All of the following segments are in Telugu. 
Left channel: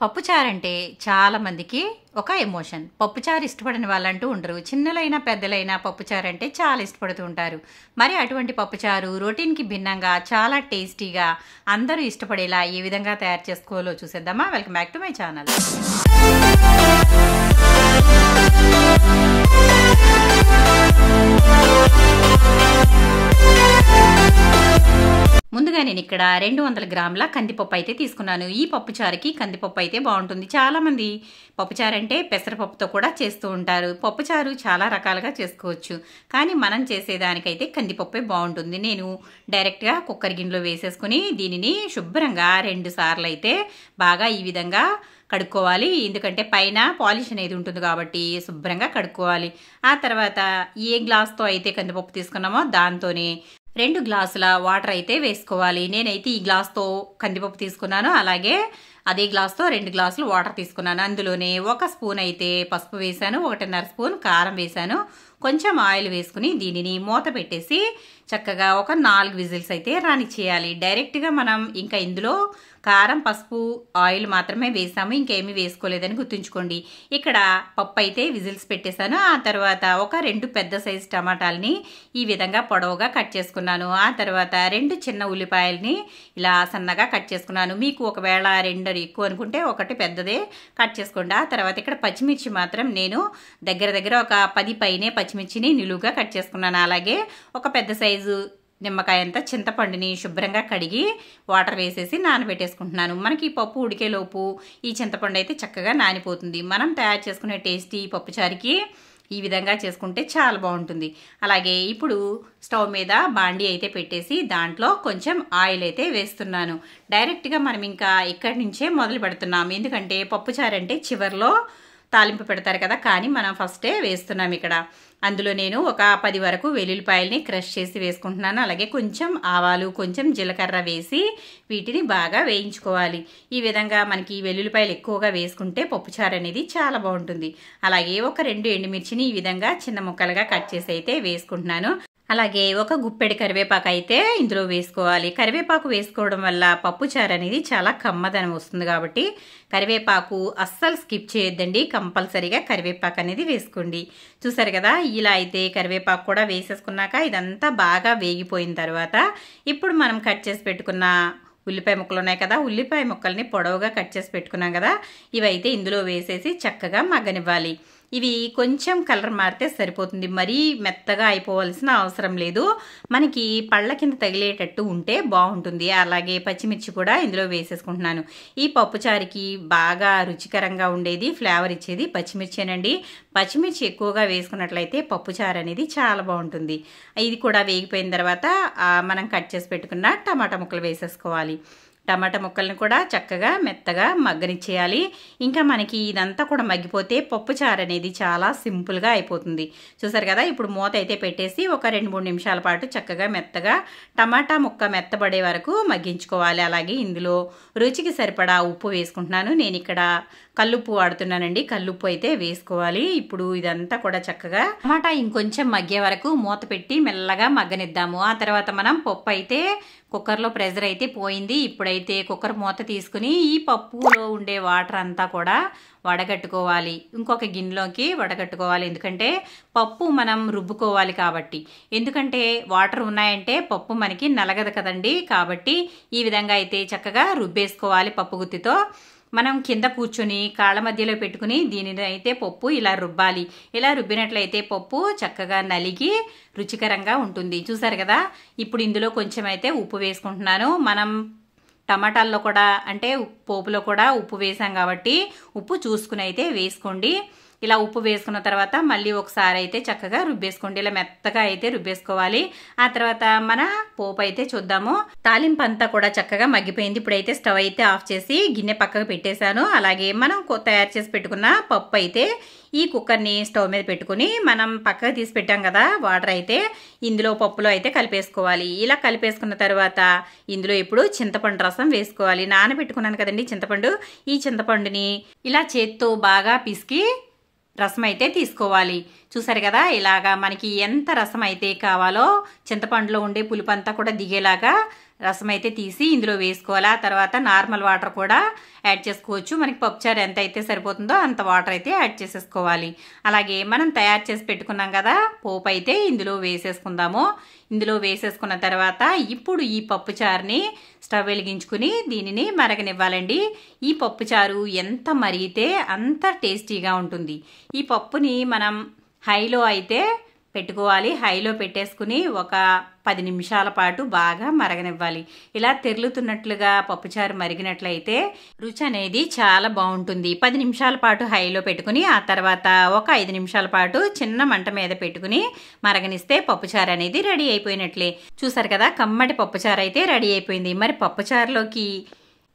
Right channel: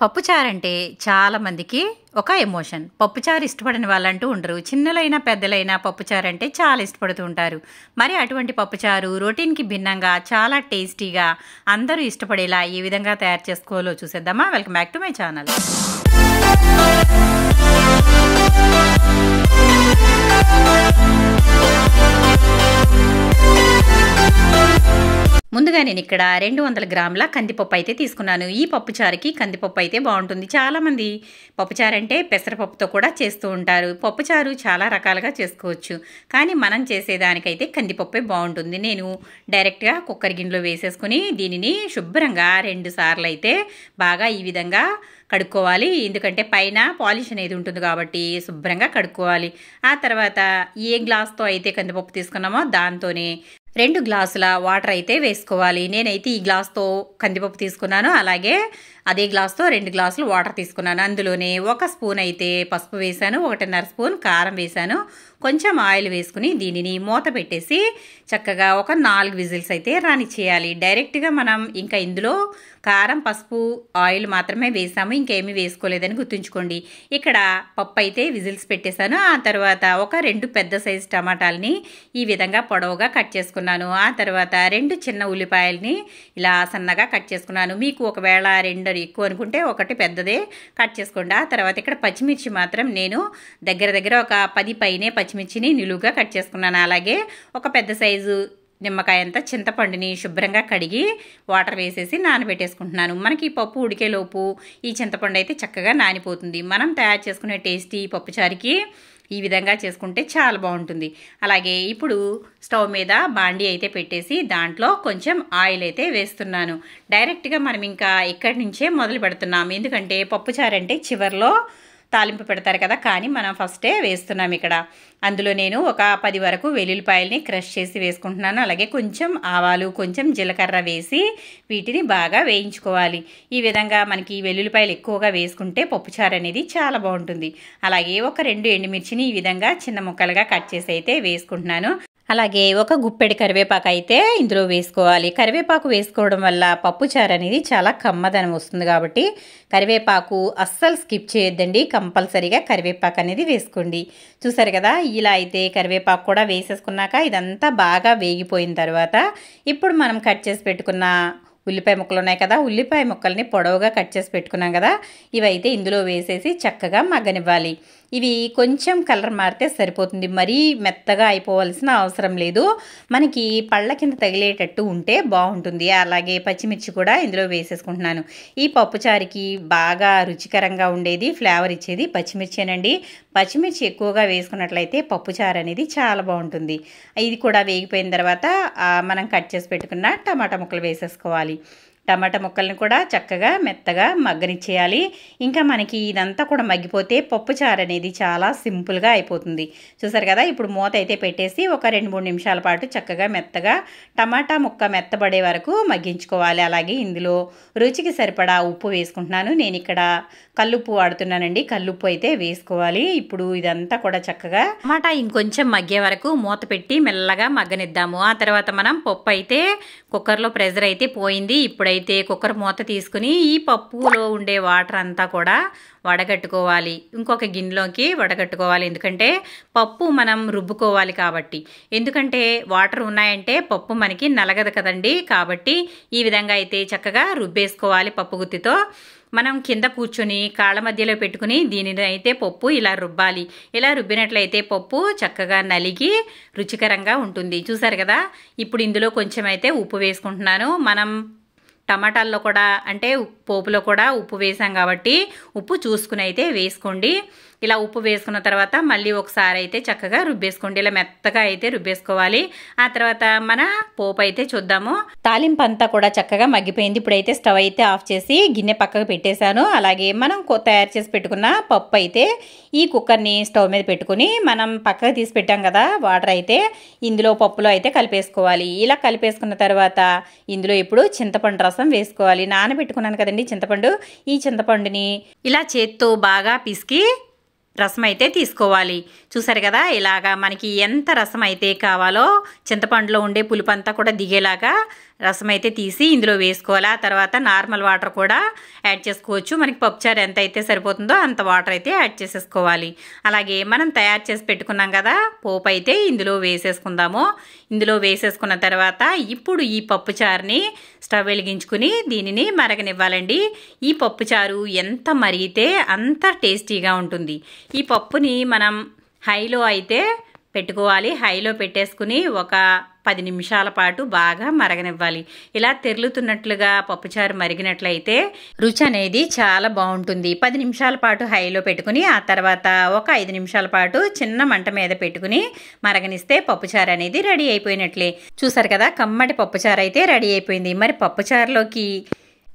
పప్పుచారు అంటే చాలా మందికి ఒక ఎమోషన్. పప్పుచారు ఇష్టపడని వాళ్ళంటూ ఉండరు. చిన్నలైనా పెద్దలైనా పప్పుచారు అంటే చాలా ఇష్టపడుతూ ఉంటారు. మరి అటువంటి పప్పుచారు రొటీన్‌కి భిన్నంగా చాలా టేస్టీగా అందరూ ఇష్టపడేలా ఏ విధంగా తయారు చేసుకోవాలో చూసేద్దామా? Welcome back to my channel. ముందుగా నేను ఇక్కడ 200 గ్రాముల కందిపప్పు అయితే తీసుకున్నాను. ఈ పప్పుచారుకి కందిపప్పు అయితే బాగుంటుంది. చాలామంది పప్పుచారు అంటే పెసరపప్పుతో కూడా చేస్తూ ఉంటారు. పప్పుచారు చాలా రకాలుగా చేసుకోవచ్చు, కానీ మనం చేసేదానికైతే కందిపప్పే బాగుంటుంది. నేను డైరెక్ట్గా కుక్కర్ గిన్నెలో వేసేసుకుని దీనిని శుభ్రంగా 2 సార్లు అయితే బాగా ఈ విధంగా కడుక్కోవాలి. ఎందుకంటే పైన పాలిష్ అనేది ఉంటుంది కాబట్టి శుభ్రంగా కడుక్కోవాలి. ఆ తర్వాత ఏ గ్లాస్తో అయితే కందిపప్పు తీసుకున్నామో దాంతోనే 2 గ్లాసుల వాటర్ అయితే వేసుకోవాలి. నేనైతే ఈ గ్లాస్తో కందిపప్పు తీసుకున్నాను, అలాగే అదే గ్లాస్తో 2 గ్లాసులు వాటర్ తీసుకున్నాను. అందులోనే 1 స్పూన్ అయితే పసుపు వేశాను, 1.5 స్పూన్ కారం వేశాను, కొంచెం ఆయిల్ వేసుకుని దీనిని మూత పెట్టేసి చక్కగా ఒక 4 విజిల్స్ అయితే రానిచ్చేయాలి. డైరెక్ట్గా మనం ఇంకా ఇందులో కారం, పసుపు, ఆయిల్ మాత్రమే వేసాము, ఇంకేమీ వేసుకోలేదని గుర్తుంచుకోండి. ఇక్కడ పప్పు అయితే విజిల్స్ పెట్టేశాను. ఆ తర్వాత ఒక 2 పెద్ద సైజు టమాటాలని ఈ విధంగా పొడవుగా కట్ చేసుకున్నాను. ఆ తర్వాత 2 చిన్న ఉల్లిపాయలని ఇలా సన్నగా కట్ చేసుకున్నాను. మీకు ఒకవేళ 2 ఎక్కువ అనుకుంటే 1 పెద్దదే కట్ చేసుకోండి. ఆ తర్వాత ఇక్కడ పచ్చిమిర్చి మాత్రం నేను దగ్గర ఒక 10 పైనే పచ్చిమిర్చిని నిలువుగా కట్ చేసుకున్నాను. అలాగే ఒక పెద్ద సైజు నిమ్మకాయ అంతా చింతపండుని శుభ్రంగా కడిగి వాటర్ వేసేసి నానబెట్టేసుకుంటున్నాను. మనకి పప్పు ఉడికేలోపు ఈ చింతపండు అయితే చక్కగా నానిపోతుంది. మనం తయారు చేసుకునే టేస్టీ పప్పుచారుకి ఈ విధంగా చేసుకుంటే చాలా బాగుంటుంది. అలాగే ఇప్పుడు స్టవ్ మీద బాండీ అయితే పెట్టేసి దాంట్లో కొంచెం ఆయిల్ అయితే వేస్తున్నాను. డైరెక్ట్గా మనం ఇంకా ఇక్కడి నుంచే మొదలు పెడుతున్నాం, ఎందుకంటే పప్పుచారు అంటే చివర్లో తాలింపు పెడతారు కదా, కానీ మనం ఫస్టే వేస్తున్నాం ఇక్కడ. అందులో నేను ఒక 10 వరకు వెల్లుల్లిపాయలని క్రష్ చేసి వేసుకుంటున్నాను. అలాగే కొంచెం ఆవాలు, కొంచెం జీలకర్ర వేసి వీటిని బాగా వేయించుకోవాలి. ఈ విధంగా మనకి వెల్లుల్లిపాయలు ఎక్కువగా వేసుకుంటే పప్పుచారు అనేది చాలా బాగుంటుంది. అలాగే ఒక 2 ఎండుమిర్చిని ఈ విధంగా చిన్న ముక్కలుగా కట్ చేసి అయితే వేసుకుంటున్నాను. అలాగే ఒక గుప్పెడి కరివేపాకు అయితే ఇందులో వేసుకోవాలి. కరివేపాకు వేసుకోవడం వల్ల పప్పుచారు అనేది చాలా కమ్మదనం వస్తుంది కాబట్టి కరివేపాకు అస్సలు స్కిప్ చేయొద్దండి. కంపల్సరీగా కరివేపాకు అనేది వేసుకోండి. చూసారు కదా, ఇలా అయితే కరివేపాకు కూడా వేసేసుకున్నాక ఇదంతా బాగా వేగిపోయిన తర్వాత ఇప్పుడు మనం కట్ చేసి పెట్టుకున్న ఉల్లిపాయ ముక్కలు ఉన్నాయి కదా, ఉల్లిపాయ ముక్కల్ని పొడవుగా కట్ చేసి పెట్టుకున్నాం కదా, ఇవైతే ఇందులో వేసేసి చక్కగా మగ్గనివ్వాలి. ఇవి కొంచెం కలర్ మారితే సరిపోతుంది, మరీ మెత్తగా అయిపోవాల్సిన అవసరం లేదు. మనకి పళ్ళ కింద తగిలేటట్టు ఉంటే బాగుంటుంది. అలాగే పచ్చిమిర్చి కూడా ఇందులో వేసేసుకుంటున్నాను. ఈ పప్పుచారుకి బాగా రుచికరంగా ఉండేది, ఫ్లేవర్ ఇచ్చేది పచ్చిమిర్చేనండి. పచ్చిమిర్చి ఎక్కువగా వేసుకున్నట్లయితే పప్పుచారు అనేది చాలా బాగుంటుంది. ఇది కూడా వేగిపోయిన తర్వాత మనం కట్ చేసి పెట్టుకున్న టమాటా ముక్కలు వేసేసుకోవాలి. టమాటా ముక్కల్ని కూడా చక్కగా మెత్తగా మగ్గనిచ్చేయాలి. ఇంకా మనకి ఇదంతా కూడా మగ్గిపోతే పప్పుచారు అనేది చాలా సింపుల్గా అయిపోతుంది. చూసారు కదా, ఇప్పుడు మూత అయితే పెట్టేసి ఒక 2-3 నిమిషాల పాటు చక్కగా మెత్తగా టమాటా ముక్క మెత్తబడే వరకు మగ్గించుకోవాలి. అలాగే ఇందులో రుచికి సరిపడా ఉప్పు వేసుకుంటున్నాను. నేను ఇక్కడ కల్లుప్పు వాడుతున్నానండి, కల్లుప్పు అయితే వేసుకోవాలి. ఇప్పుడు ఇదంతా కూడా చక్కగా టమాటా ఇంకొంచెం మగ్గే వరకు మూత పెట్టి మెల్లగా మగ్గనిద్దాము. ఆ తర్వాత మనం పప్పు అయితే కుక్కర్లో ప్రెజర్ అయితే పోయింది. ఇప్పుడైతే కుక్కర్ మూత తీసుకుని ఈ పప్పులో ఉండే వాటర్ అంతా కూడా వడగట్టుకోవాలి, ఇంకొక గిన్నెలోకి వడగట్టుకోవాలి. ఎందుకంటే పప్పు మనం రుబ్బుకోవాలి కాబట్టి. ఎందుకంటే వాటర్ ఉన్నాయంటే పప్పు మనకి నలగదు కదండి, కాబట్టి ఈ విధంగా అయితే చక్కగా రుబ్బేసుకోవాలి. పప్పు గుత్తితో మనం కింద కూర్చొని కాళ్ళ మధ్యలో పెట్టుకుని దీనిని అయితే పప్పు ఇలా రుబ్బాలి. ఇలా రుబ్బినట్లయితే పప్పు చక్కగా నలిగి రుచికరంగా ఉంటుంది. చూసారు కదా, ఇప్పుడు ఇందులో కొంచెం అయితే ఉప్పు వేసుకుంటున్నాను. మనం టమాటాల్లో కూడా అంటే పోపులో కూడా ఉప్పు వేసాం కాబట్టి ఉప్పు చూసుకుని అయితే వేసుకోండి. ఇలా ఉప్పు వేసుకున్న తర్వాత మళ్ళీ ఒకసారి అయితే చక్కగా రుబ్బేసుకోండి. ఇలా మెత్తగా అయితే రుబ్బేసుకోవాలి. ఆ తర్వాత మన పోపు అయితే చూద్దాము. తాలింపు అంతా కూడా చక్కగా మగ్గిపోయింది. ఇప్పుడైతే స్టవ్ అయితే ఆఫ్ చేసి గిన్నె పక్కకు పెట్టేశాను. అలాగే మనం తయారు చేసి పెట్టుకున్న పప్పు అయితే ఈ కుక్కర్ని స్టవ్ మీద పెట్టుకుని మనం పక్కకు తీసి పెట్టాం కదా వాటర్ అయితే ఇందులో పప్పులో అయితే కలిపేసుకోవాలి. ఇలా కలిపేసుకున్న తర్వాత ఇందులో ఇప్పుడు చింతపండు రసం వేసుకోవాలి. నానబెట్టుకున్నాను కదండి చింతపండు, ఈ చింతపండుని ఇలా చేత్తో బాగా పిసికి రసం అయితే తీసుకోవాలి. చూసారు కదా, ఇలాగా మనకి ఎంత రసం అయితే కావాలో చింతపండులో ఉండే పులుపు అంతా కూడా దిగేలాగా రసం అయితే తీసి ఇందులో వేసుకోవాలి. ఆ తర్వాత నార్మల్ వాటర్ కూడా యాడ్ చేసుకోవచ్చు. మనకి పప్పుచారు ఎంత అయితే సరిపోతుందో అంత వాటర్ అయితే యాడ్ చేసేసుకోవాలి. అలాగే మనం తయారు చేసి పెట్టుకున్నాం కదా పోపు అయితే ఇందులో వేసేసుకుందాము. ఇందులో వేసేసుకున్న తర్వాత ఇప్పుడు ఈ పప్పుచారుని స్టవ్ వెలిగించుకుని దీనిని మరగనివ్వాలండి. ఈ పప్పుచారు ఎంత మరిగితే అంత టేస్టీగా ఉంటుంది. ఈ పప్పుని మనం హైలో అయితే పెట్టుకోవాలి. హైలో పెట్టేసుకుని ఒక 10 నిమిషాల పాటు బాగా మరగనివ్వాలి. ఇలా తెరులుతున్నట్లుగా పప్పుచారు మరిగినట్లయితే రుచి అనేది చాలా బాగుంటుంది. 10 నిమిషాల పాటు హైలో పెట్టుకుని ఆ తర్వాత ఒక 5 నిమిషాల పాటు చిన్న మంట మీద పెట్టుకుని మరగనిస్తే పప్పుచారు అనేది రెడీ అయిపోయినట్లే. చూసారు కదా, కమ్మటి పప్పుచారు అయితే రెడీ అయిపోయింది. మరి పప్పుచారులోకి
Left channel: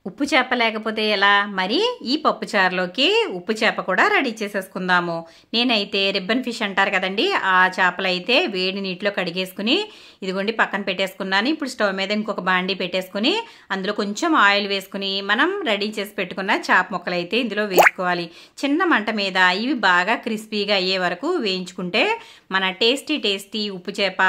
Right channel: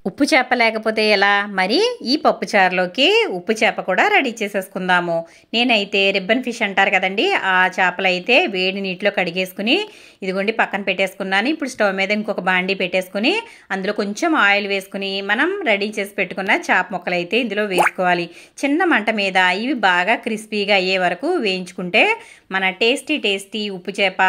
ఉప్పు చేప లేకపోతే ఎలా? మరి ఈ పప్పుచారులోకి ఉప్పు చేప కూడా రెడీ చేసేసుకుందాము. నేనైతే రిబ్బన్ ఫిష్ అంటారు కదండి, ఆ చేపలు అయితే వేడి నీటిలో కడిగేసుకుని ఇదిగోండి పక్కన పెట్టేసుకున్నాను. ఇప్పుడు స్టవ్ మీద ఇంకొక బాండీ పెట్టేసుకుని అందులో కొంచెం ఆయిల్ వేసుకుని మనం రెడీ చేసి పెట్టుకున్న చేప ముక్కలు అయితే ఇందులో వేసుకోవాలి. చిన్న మంట మీద ఇవి బాగా క్రిస్పీగా అయ్యే వరకు వేయించుకుంటే మన టేస్టీ ఉప్పు చేప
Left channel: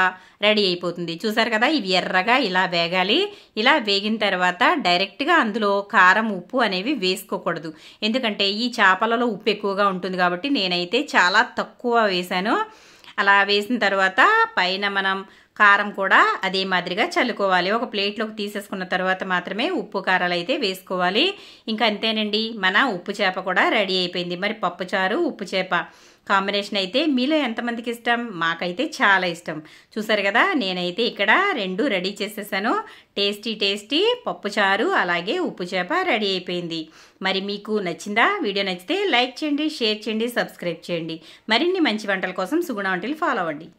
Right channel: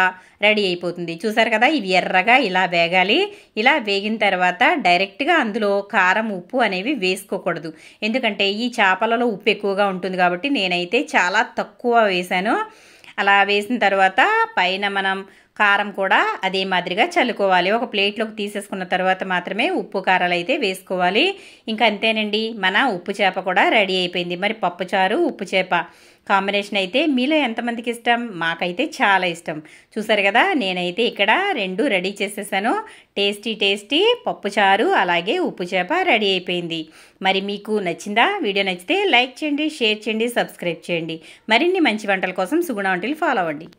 రెడీ అయిపోతుంది. చూసారు కదా, ఇవి ఎర్రగా ఇలా వేగాలి. ఇలా వేగిన తర్వాత డైరెక్ట్గా అందులో కారం ఉప్పు అనేవి వేసుకోకూడదు. ఎందుకంటే ఈ చేపలలో ఉప్పు ఎక్కువగా ఉంటుంది కాబట్టి నేనైతే చాలా తక్కువ వేసాను. అలా వేసిన తర్వాత పైన మనం కారం కూడా అదే మాదిరిగా చల్లుకోవాలి. ఒక ప్లేట్లోకి తీసేసుకున్న తర్వాత మాత్రమే ఉప్పు కారాలు అయితే వేసుకోవాలి. ఇంకా అంతేనండి, మన ఉప్పు చేప కూడా రెడీ అయిపోయింది. మరి పప్పుచారు ఉప్పు చేప కాంబినేషన్ అయితే మీలో ఎంతమందికి ఇష్టం? మాకైతే చాలా ఇష్టం. చూసారు కదా, నేనైతే ఇక్కడ 2 రెడీ చేసేసాను. టేస్టీ పప్పుచారు అలాగే ఉప్పు చేప రెడీ అయిపోయింది. మరి మీకు నచ్చిందా? వీడియో నచ్చితే లైక్ చేయండి, షేర్ చేయండి, సబ్స్క్రైబ్ చేయండి. మరిన్ని మంచి వంటల కోసం సుగుణ వంటలు ఫాలో అవ్వండి.